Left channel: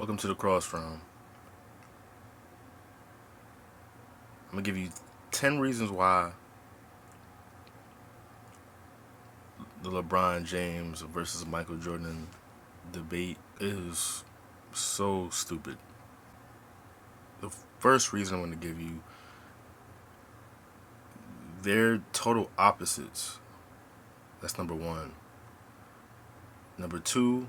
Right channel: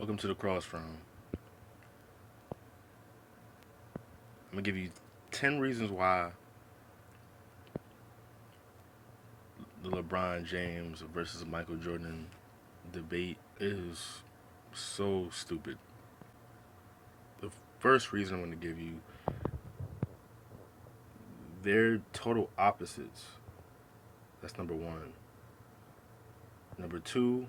Welcome to the cross round. I'm gonna give you 10 reasons why the LeBron James versus Michael Jordan debate is so stupid. The first reason I'm gonna give you, they're total opposites. That's number one. Number two,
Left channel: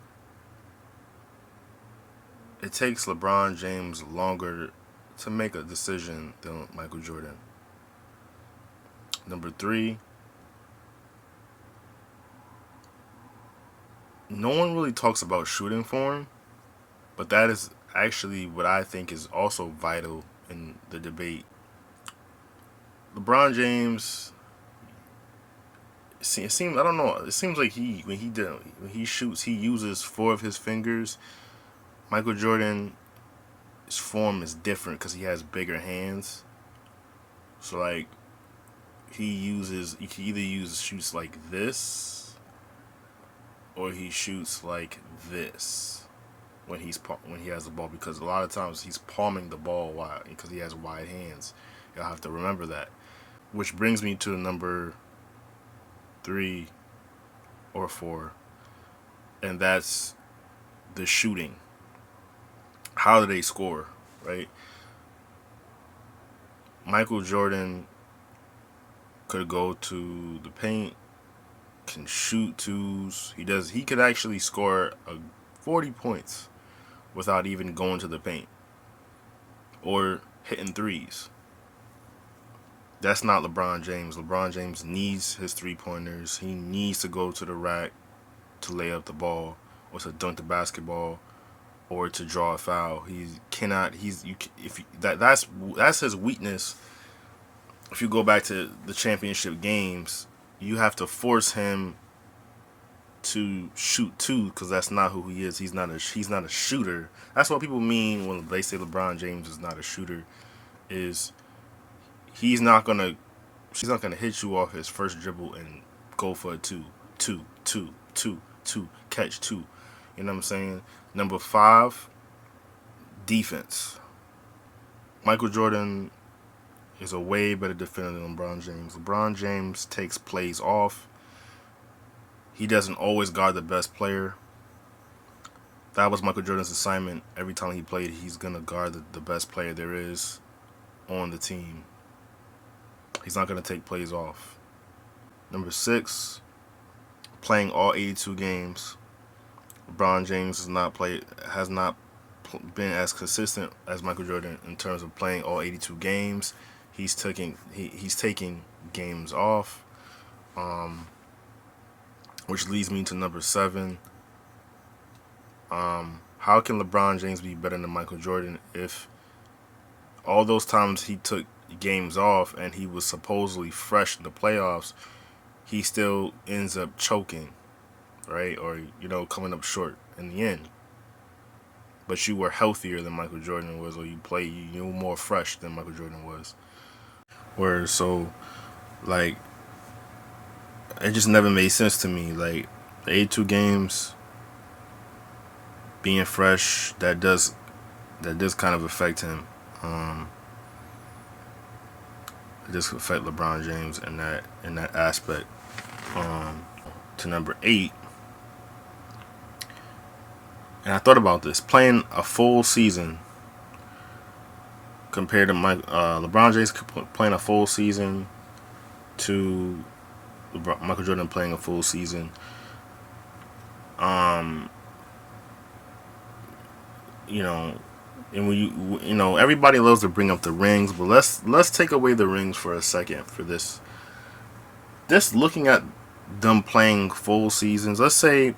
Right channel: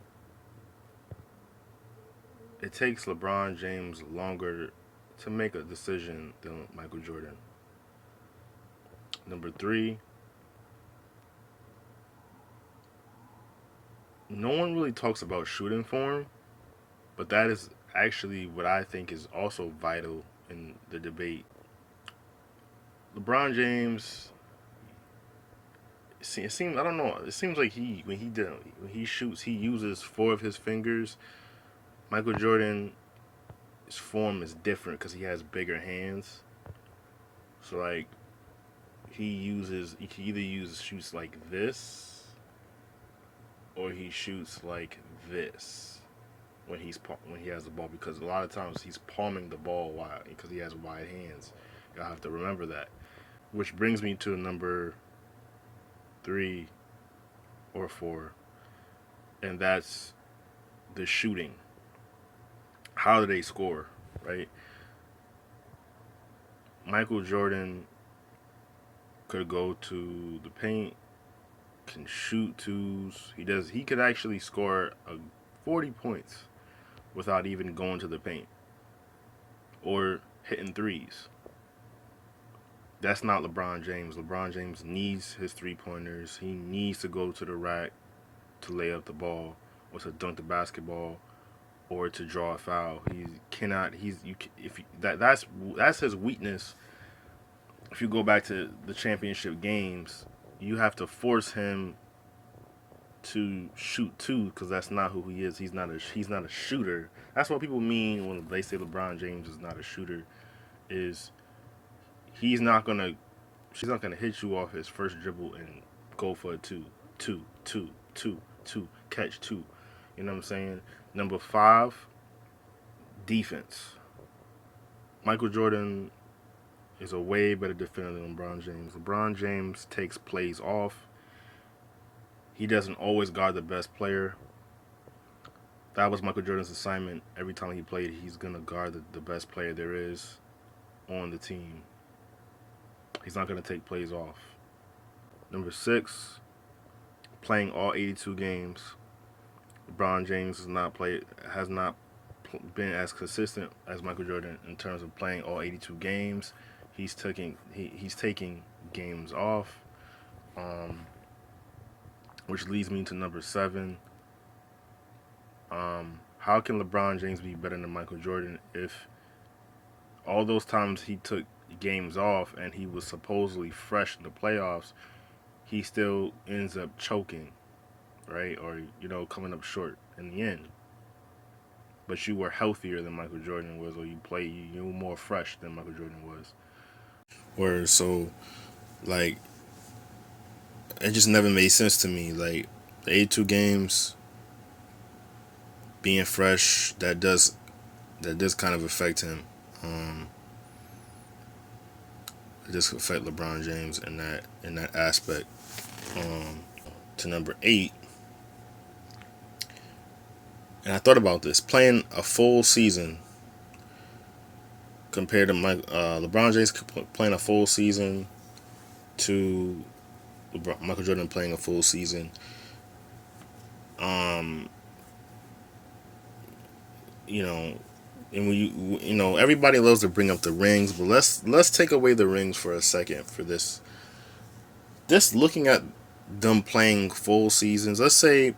it takes LeBron James longer to make a decision than Michael Jordan. Number three, no one really talks about shooting form, but that is actually what I think is also vital in the debate. LeBron James, it seems I don't know. It seems like when he shoots, he uses four of his fingers. Michael Jordan's form is different because he has bigger hands. So like he can either use shoots like this, or he shoots like this when he has the ball, because a lot of times he's palming the ball wide because he has wide hands. You'll have to remember that. Which brings me to number three or four, and that's the shooting. How do they score, right? Michael Jordan could go to the paint, can shoot twos. He could actually score 40 points without even going to the paint or hitting threes. That's not LeBron James. LeBron James needs his three pointers. He needs to go to the rack to lay up the ball, or to dunk the basketball, or to draw a foul. He cannot. He's you. If you, that's his weakness. If you go back to the championship games, you have to force him to shoot two, because that's not who he is. He's not a shooter. That's what people mean when they say LeBron James is not a shooter. Is he's not gonna hit you off his first dribble and go for a two, catch two. You know what I'm saying? Number five, defense. Michael Jordan is a way better defender than LeBron James. LeBron James takes plays off. He doesn't always guard the best player. That was Michael Jordan's assignment. Every time he played, he's going to guard the best player there is on the team. He's not going to take plays off. Number six, playing all 82 games. LeBron James has not been as consistent as Michael Jordan in terms of playing all 82 games. He's taking games off, which leads me to number seven. How can LeBron James be better than Michael Jordan if all those times he took games off and he was supposedly fresh in the playoffs, he still ends up choking, right? Or, coming up short in the end. But you were healthier than Michael Jordan was, or you were more fresh than Michael Jordan was. Like, it just never made sense to me. Like, the 82 games, being fresh, that does kind of affect him. It does affect LeBron James in that aspect. To number 8, and I thought about this, playing a full season compared to LeBron James playing a full season to Michael Jordan playing a full season. And when everybody loves to bring up the rings, but let's take away the rings for a second for this. Just looking at them playing full seasons, let's say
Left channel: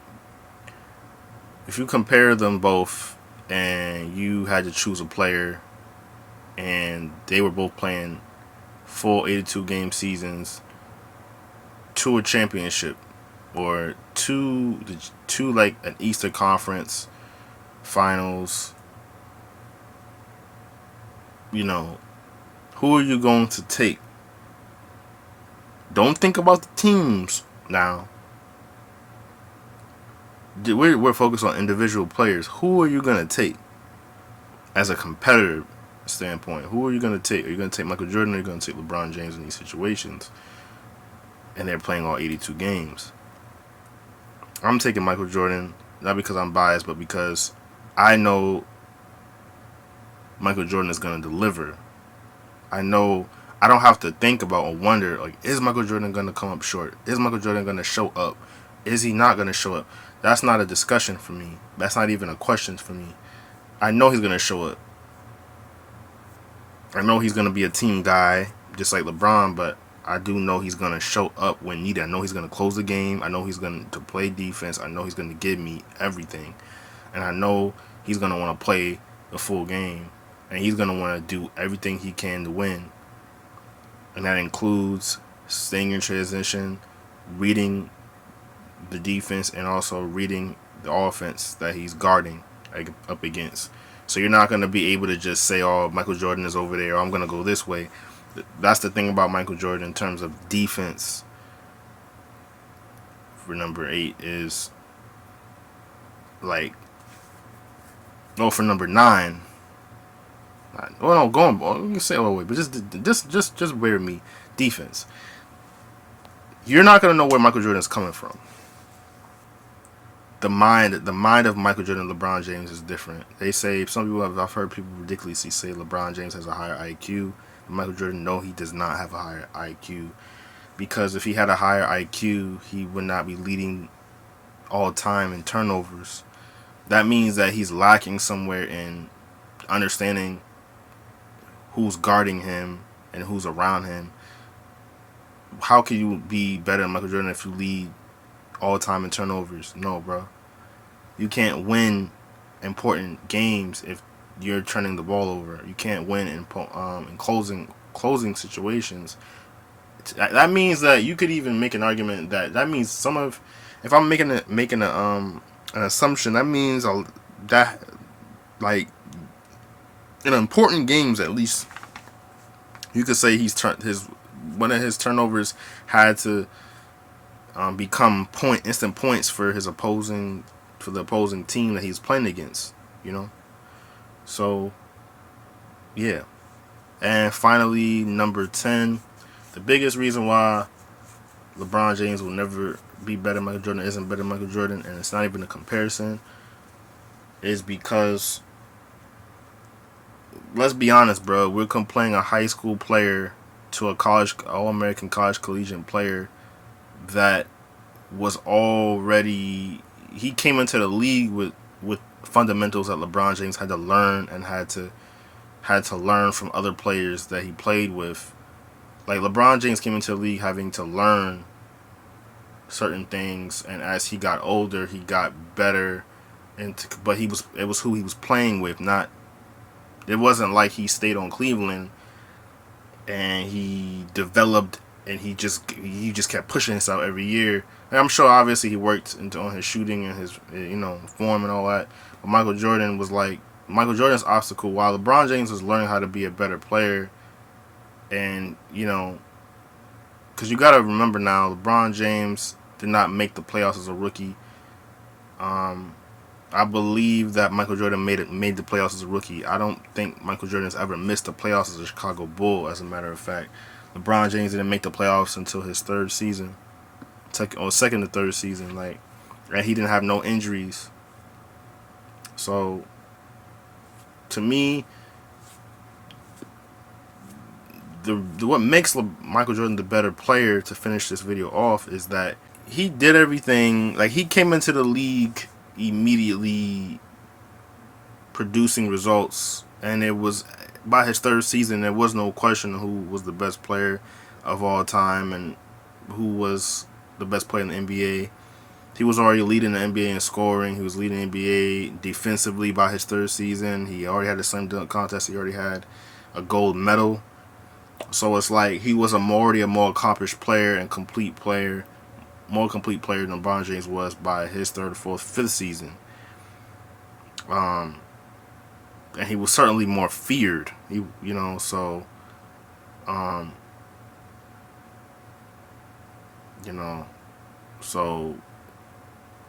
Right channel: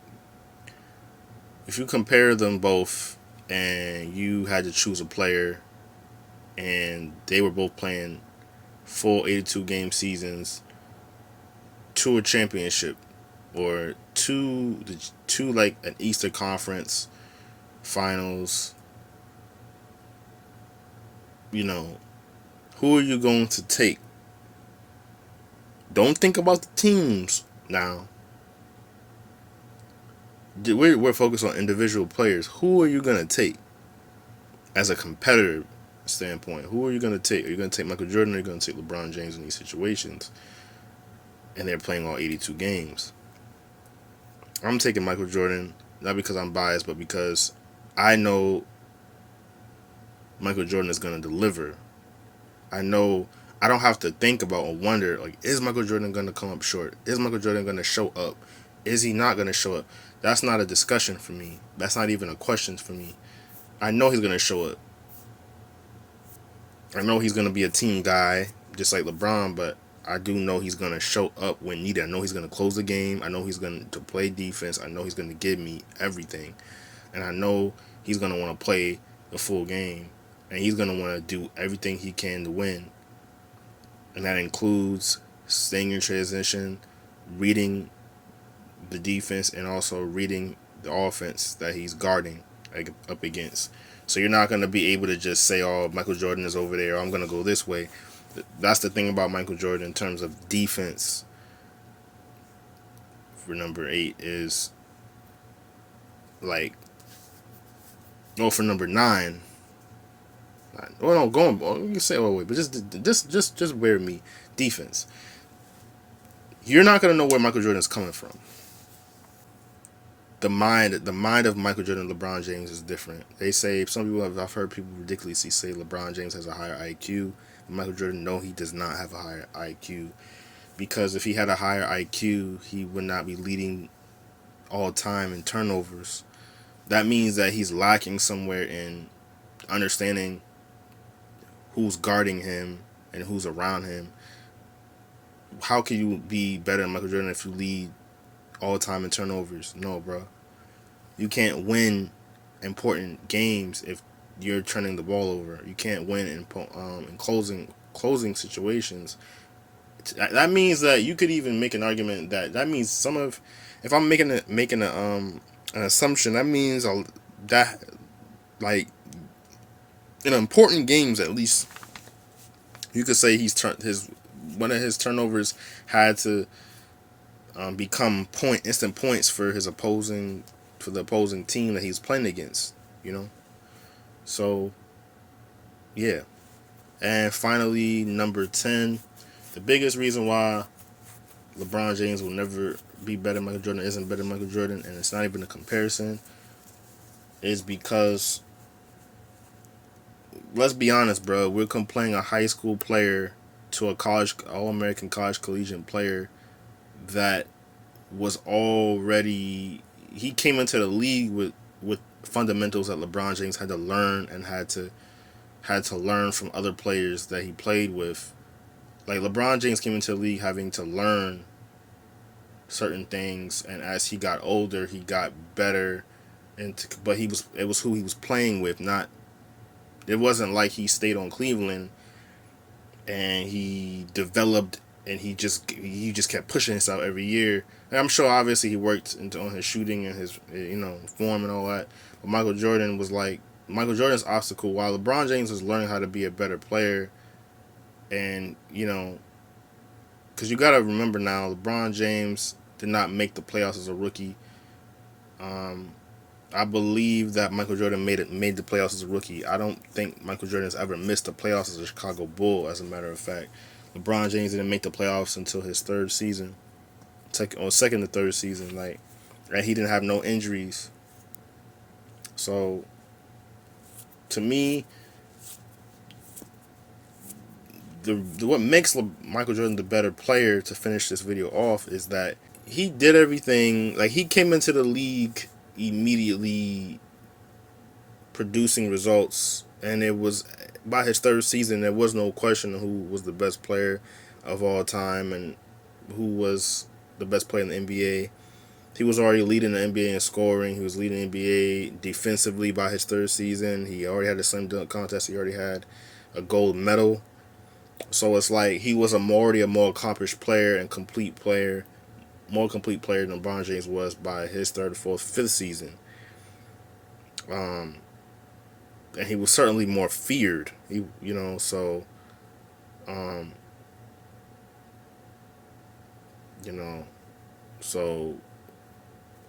if you compare them both and you had to choose a player and they were both playing full 82 game seasons to a championship, or to like an Eastern Conference Finals, who are you going to take? Don't think about the teams now. We're focused on individual players. Who are you going to take? as a competitor standpoint, who are you going to take? Are you going to take Michael Jordan or are you going to take LeBron James in these situations? And they're playing all 82 games. I'm taking Michael Jordan, not because I'm biased, but because I know Michael Jordan is going to deliver. I know I don't have to think about or wonder, like, is Michael Jordan going to come up short? Is Michael Jordan going to show up? Is he not going to show up? That's not a discussion for me. That's not even a question for me. I know he's going to show up. I know he's going to be a team guy, just like LeBron, but I do know he's going to show up when needed. I know he's going to close the game. I know he's going to play defense. I know he's going to give me everything. And I know he's going to want to play the full game. And he's going to want to do everything he can to win. And that includes staying in transition, reading the defense, and also reading the offense that he's guarding up against. So you're not going to be able to just say, oh, Michael Jordan is over there, or I'm going to go this way. That's the thing about Michael Jordan in terms of defense for number 8 is like, oh, for number 9. Well, no, going. You can say all the way, but just bear with me. Defense. You're not gonna know where Michael Jordan is coming from. The mind of Michael Jordan and LeBron James is different. They say I've heard people ridiculously say LeBron James has a higher IQ. Michael Jordan, no, he does not have a higher IQ, because if he had a higher IQ, he would not be leading all time in turnovers. That means that he's lacking somewhere in understanding who's guarding him and who's around him. How can you be better than Michael Jordan if you lead all time in turnovers? No, bro. You can't win important games if you're turning the ball over. You can't win in closing situations. That means that you could even make an argument that means if I'm making an assumption, that means that, like, in important games, at least, you could say one of his turnovers had to become instant points for the opposing team that he's playing against. So yeah. And finally, number 10, the biggest reason why LeBron James will never be better than Michael Jordan, isn't better than Michael Jordan, and it's not even a comparison, is because, let's be honest, bro, we're comparing a high school player to a All-American college collegiate player that was already, he came into the league with fundamentals that LeBron James had to learn, and had to learn from other players that he played with. Like, LeBron James came into the league having to learn certain things, and as he got older, he got better. But it was who he was playing with. It wasn't like he stayed on Cleveland and he developed and he just kept pushing himself every year. And I'm sure obviously he worked on his shooting and his form and all that. But Michael Jordan's obstacle, while LeBron James was learning how to be a better player, and because you got to remember now, LeBron James did not make the playoffs as a rookie. I believe that Michael Jordan made the playoffs as a rookie. I don't think Michael Jordan has ever missed the playoffs as a Chicago Bull, as a matter of fact. LeBron James didn't make the playoffs until his third season, or second to third season, and he didn't have no injuries. So, to me, what makes Michael Jordan the better player, to finish this video off, is that he did everything. Like, he came into the league immediately producing results, and it was by his third season there was no question who was the best player of all time and who was the best player in the NBA. He was already leading the NBA in scoring. He was leading the NBA defensively by his third season. He already had a slam dunk contest. He already had a gold medal. So it's like he was already a more accomplished player and more complete player than LeBron James was by his third, fourth, fifth season. And he was certainly more feared. So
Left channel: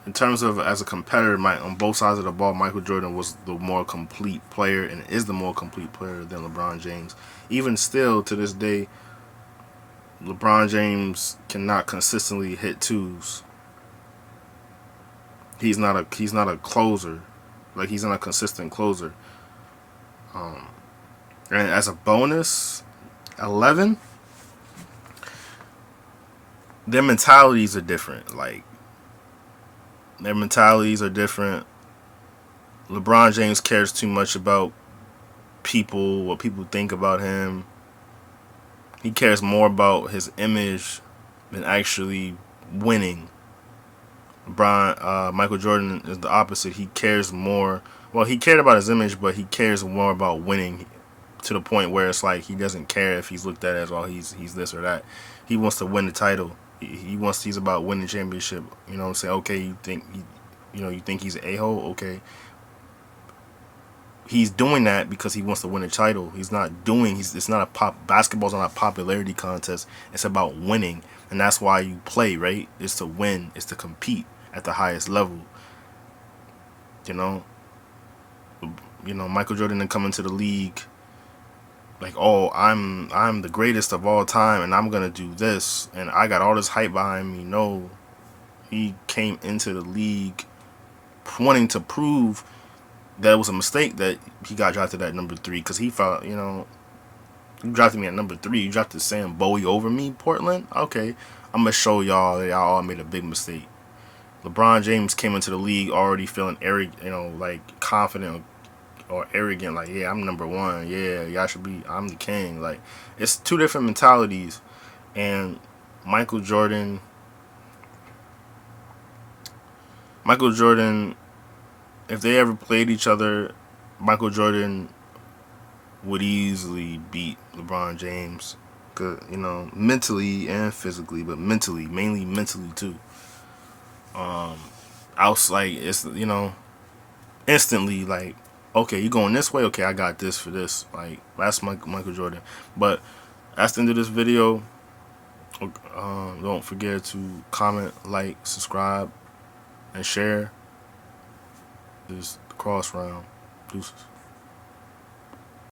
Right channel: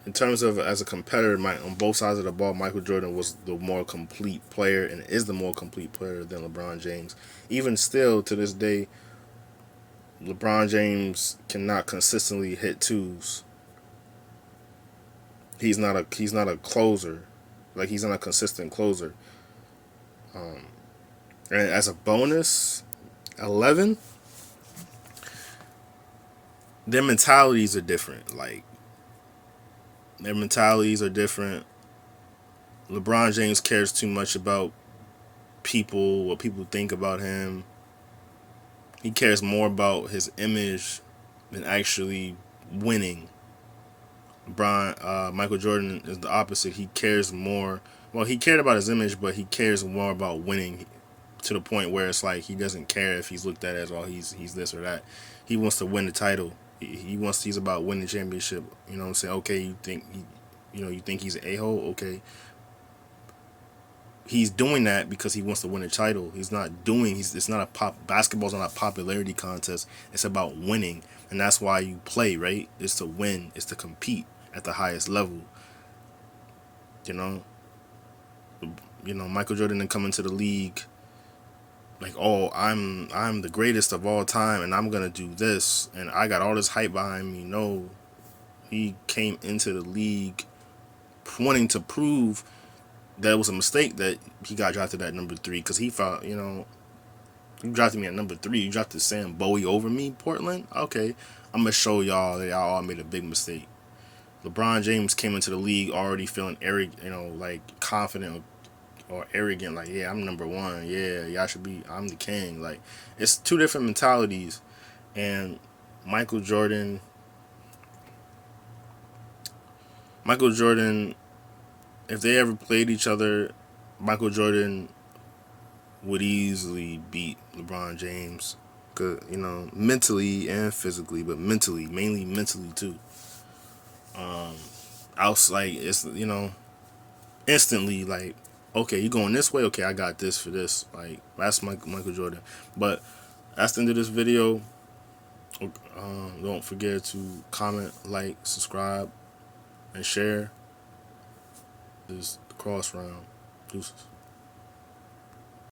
in terms of as a competitor, on both sides of the ball, Michael Jordan was the more complete player and is the more complete player than LeBron James. Even still, to this day, LeBron James cannot consistently hit twos. He's not a closer, like he's not a consistent closer. And as a bonus, 11, their mentalities are different. Like their mentalities are different. LeBron James cares too much about people, what people think about him. He cares more about his image than actually winning. Michael Jordan is the opposite. He cares more. Well, he cared about his image, but he cares more about winning to the point where it's like he doesn't care if he's looked at as, well, he's this or that. He wants to win the title. He's about winning the championship. You know what I'm saying? Okay, you think he's an a-hole? Okay. He's doing that because he wants to win a title. He's not doing. It's not basketball's not a popularity contest. It's about winning, and that's why you play, right? It's to win. It's to compete at the highest level. You know. Michael Jordan didn't come into the league like, oh, I'm the greatest of all time, and I'm gonna do this, and I got all this hype behind me. No, he came into the league wanting to prove that it was a mistake that he got drafted at number 3, because he thought, you drafted me at number 3. You drafted Sam Bowie over me, Portland? Okay, I'm going to show y'all that y'all all made a big mistake. LeBron James came into the league already feeling arrogant, like confident or arrogant, like, yeah, I'm number 1. Yeah, y'all should be, I'm the king. Like, it's two different mentalities. And Michael Jordan, if they ever played each other, Michael Jordan would easily beat LeBron James, mentally and physically, but mainly mentally too. I was like, it's instantly like, okay, you going this way? Okay, I got this for this. Like that's Michael Jordan. But that's the end of this video. Don't forget to comment, like, subscribe, and share. This cross round. Deuces.